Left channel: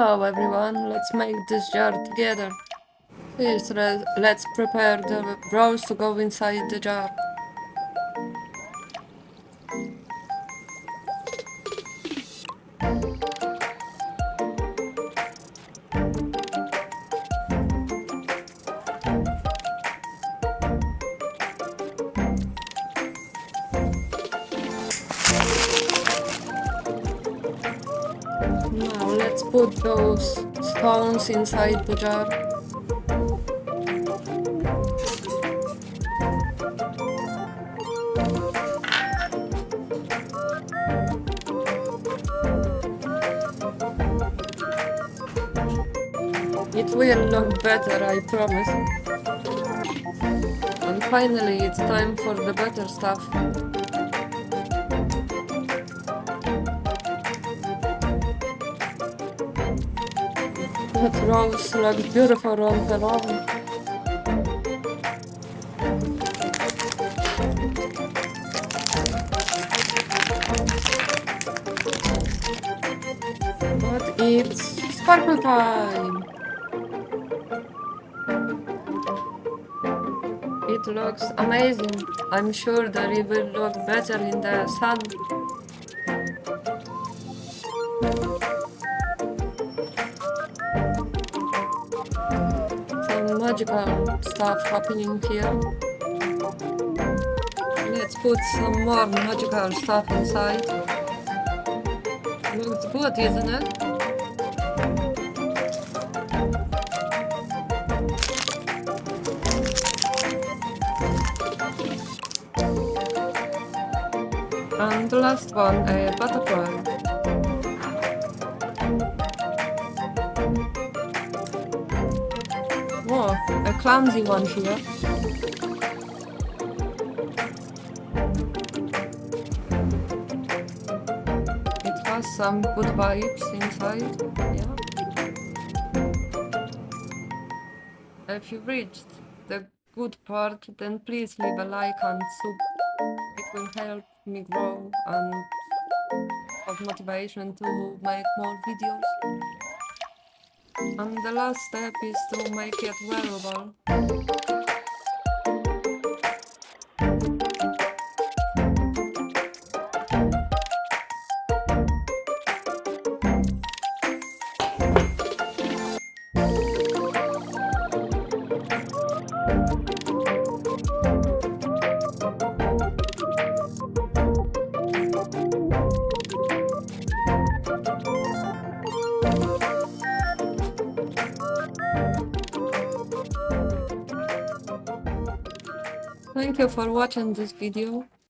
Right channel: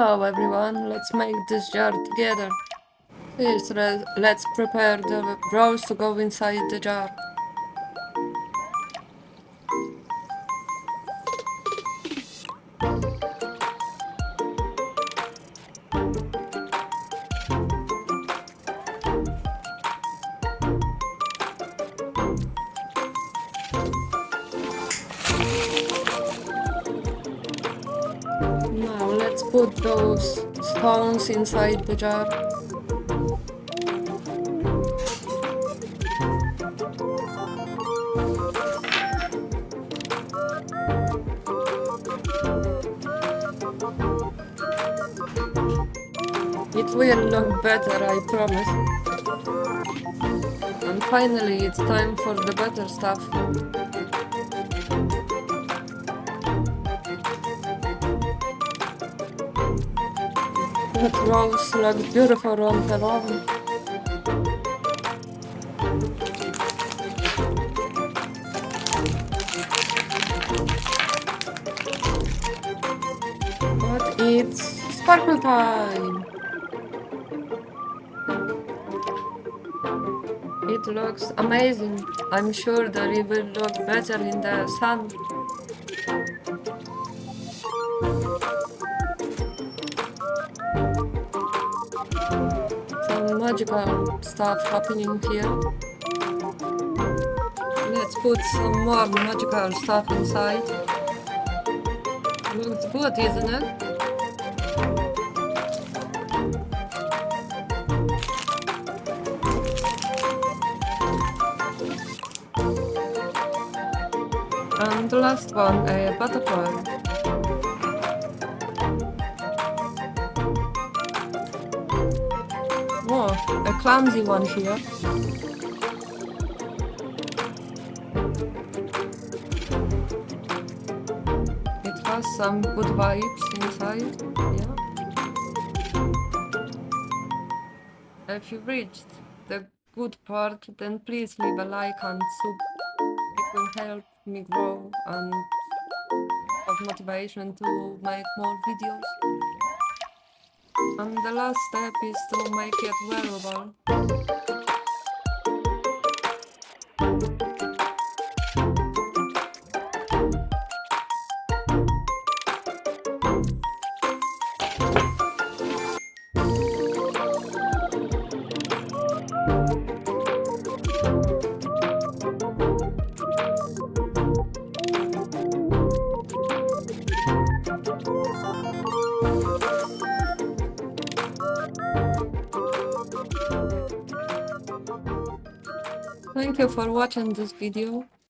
Hello everyone, let's make this jar together. First, let's prepare the rolls to go inside the jar. Now let's put those stones inside the jar. It will look better, I promise. And finally, it's time for the better stuff. That rose looks beautiful on her own. But it's sparkle time! It looks amazing. I'm sure that it will look better in the sun. Some magical stuff happening here. Let's put some more magical stuff inside. Looks good, isn't it? And the last one, a butterfly. Whoa, a clumsy one here. It has some good vibes inside, yeah. If you reached the good part, then please leave a like and sub. It will help me grow and have motivation to make more videos. And the last step is to make it wearable. Thank you for watching this video.